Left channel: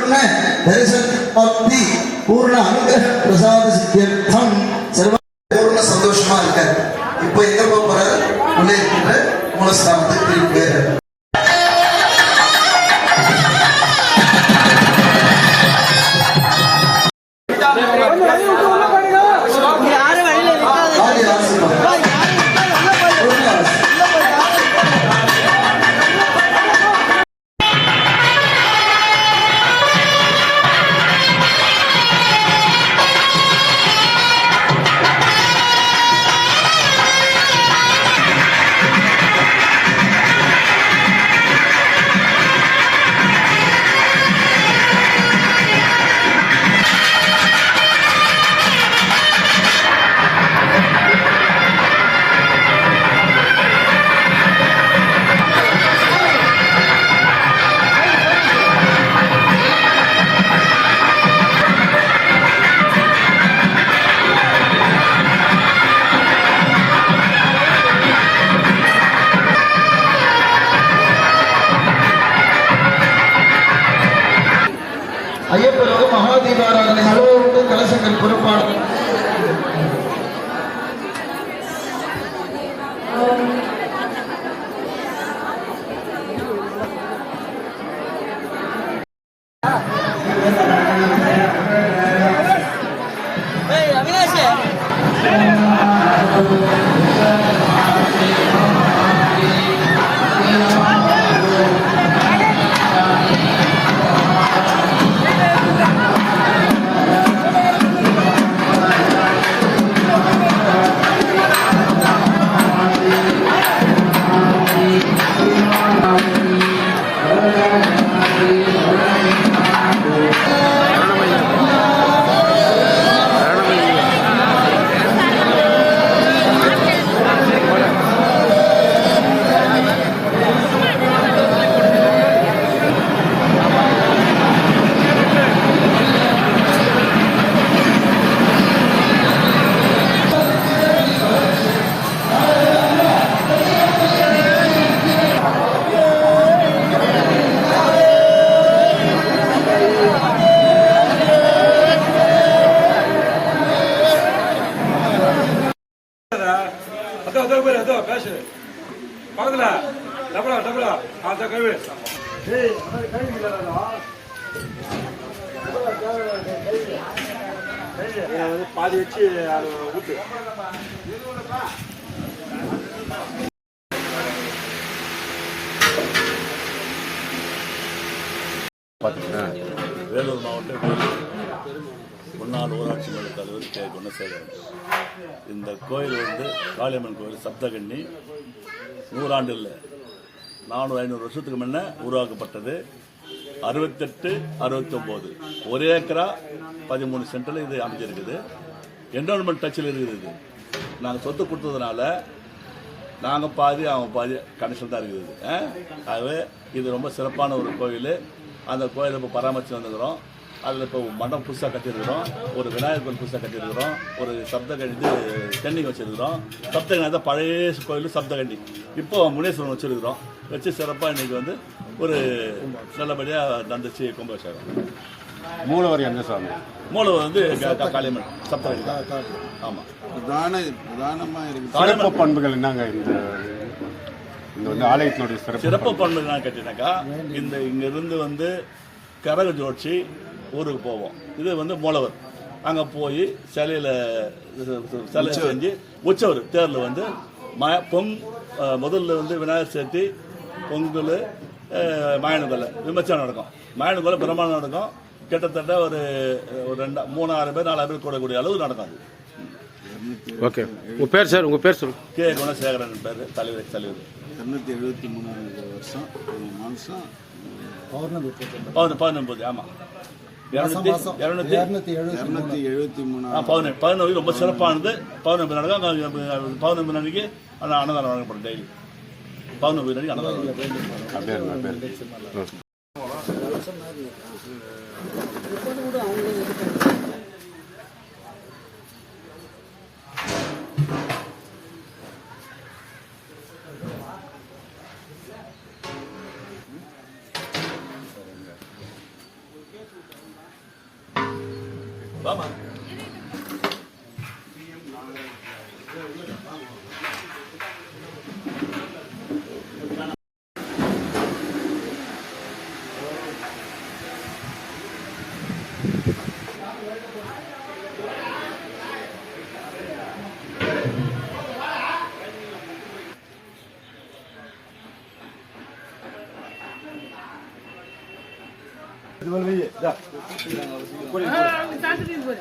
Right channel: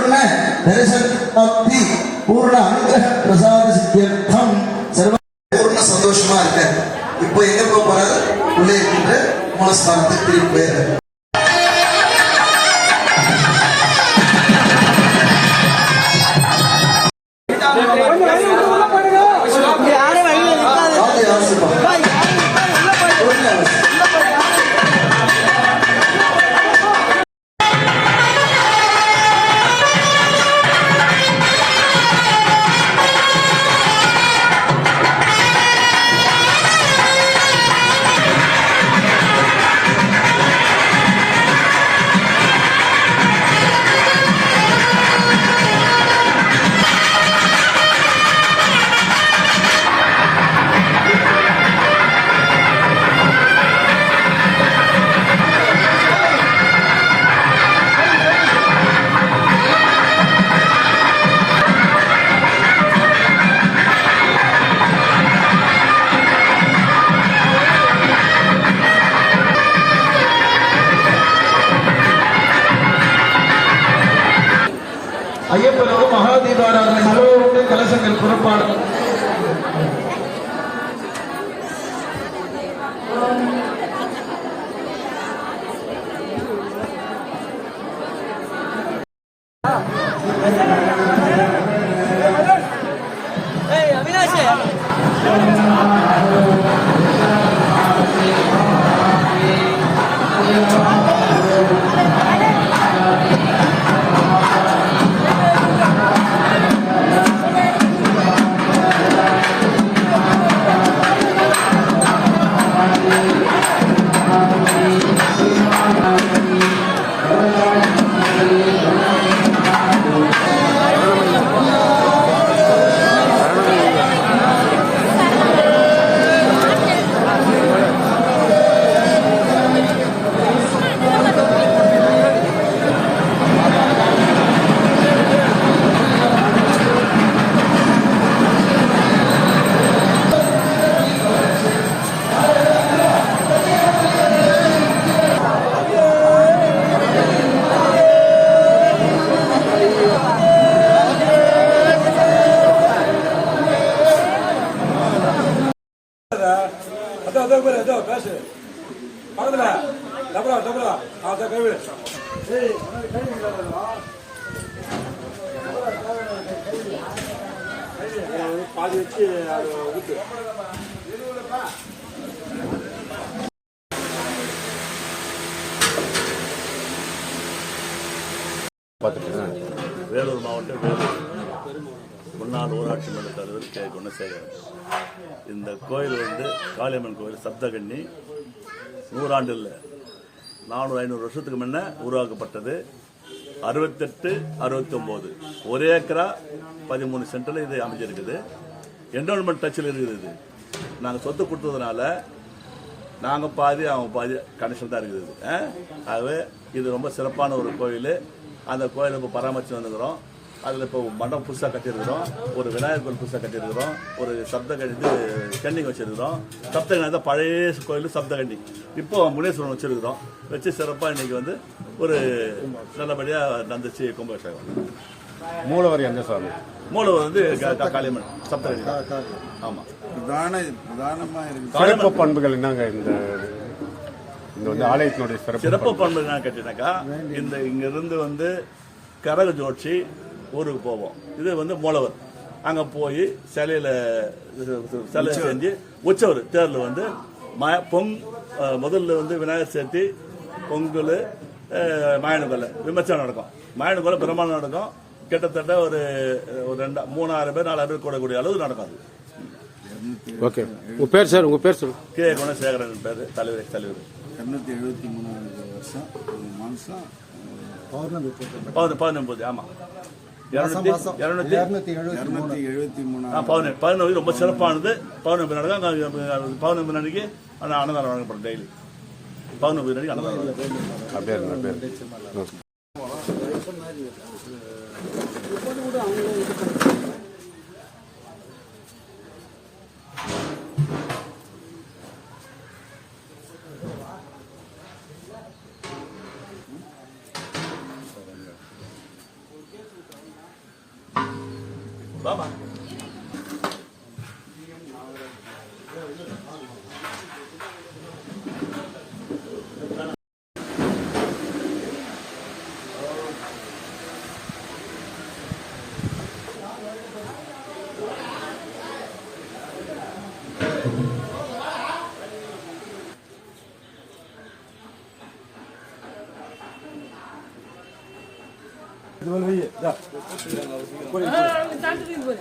परिपूर्ण दर्शन प्राप्ति पूर्ण अनुग्रह प्रसाद सिद्ध्यर्थम सर्व पूर्ण சந்தோஷமா இருக்காரு. இப்போ எங்க போக போறாரு? உள்ளே இருக்கின்ற மூலஸ்தானத்துக்கு திரும்பி போயிடுறாரு. ஐயப்பனோ மகாதீபாராதனை அளவோடு கலசங்கள் புறப்பாடு அவினாஷ் பேசு பக்கத்துல டபுளா டபுளா அத கழுவி பாதி வச்சு ஊட்டு வேலூர் மாவட்டம் வேலூர் முன்னாள் ஊராட்சி மன்ற தலைவர் கே குணசேகரன். இந்த கோயில் காளியம்மன் கோயில் சப்தகன்னி 100 ஆண்டு இல்லை 400-500 வருஷத்துக்கு முன்ன உருவாக்கப்பட்டது. 68-69 1 ஏக்கரா 13 சென்டில் இது அமைஞ்சிருக்குது. என்ரோல்மெண்ட் டச்சில் இருக்குது. இது நாங்கள் சொத்து கொடுத்ததுனால நாங்கள் பாதி அவங்க பாதி கனெக்ஷன் தான் இருக்குது. ஆகவே இது ரொம்ப சிறப்பான ஒரு கோயில். அந்த கோயிலை இப்போ பராமரித்து வந்துக்கிறோம். அதில் இப்போ மண்டபம் புதுசாக கட்டியிருக்கிறோம். ஒரு விநாயகர் கோயில் புதுசாக கட்டியிருக்கிறோம். ஒரு கன்னி வச்சுருக்கிறோம். சப்தகண்ணி தான் பழைய கோயில் சப்தகண்ணி. இப்போ முனேஸ்வரன் வச்சுருக்கிறோம். வச்சு சிறப்பாக இன்றைக்கி ஒரு நல்லபடியாக நடந்துச்சு கும்பாபிஷேகம். மூலவர் என்ன சாமி? மூலவர் காளியம்மன் சப்தகண்ணி. ஆமாம். சிறப்பு பண்புகள் என்னங்க இந்த ஆலயத்தினுடைய சிறப்பு பண்புகள் என்னன்னு கேட்டீங்கன்னாக்கா, இங்கிருந்து கரக ஜோடிச்சு ஊருக்கு போவோம். இது மூலவர் அங்கே போய் சிலை செஞ்சு உற்சவர் தேரில் முதல்ல விநாயகர் சேர்த்தி பொங்கல் மாயனுக்கொல்லை விமர்சனம் நடக்கும். மாயனுக்கொல்லை பிரம்மாண்டம் நடக்கும். கிட்டத்தட்ட ஒரு 3,000 பேர் 4,000 பேர் கூடக்கூடிய அளவு நடக்கும். அது ஓகே. உங்கள் பேர் சார்? உங்கள் பேர் சொல்லு. கே குணசேகரன் பேர். தலைவர் 273 வருஷம் மாதம் பௌர்ணமி 19. ஆமாம். 273 பௌர்ணமி ரொம்ப சிறப்பானது. பௌர்ணமி நடக்கும். பௌர்ணமி அன்னைக்கு அன்னதானம் வழங்கப்படும். டெய்லி பௌர்ணமி அன்னைக்கு அன்னதானம். வாமா. இது மேல வை. இந்தா. தாண்டி போய்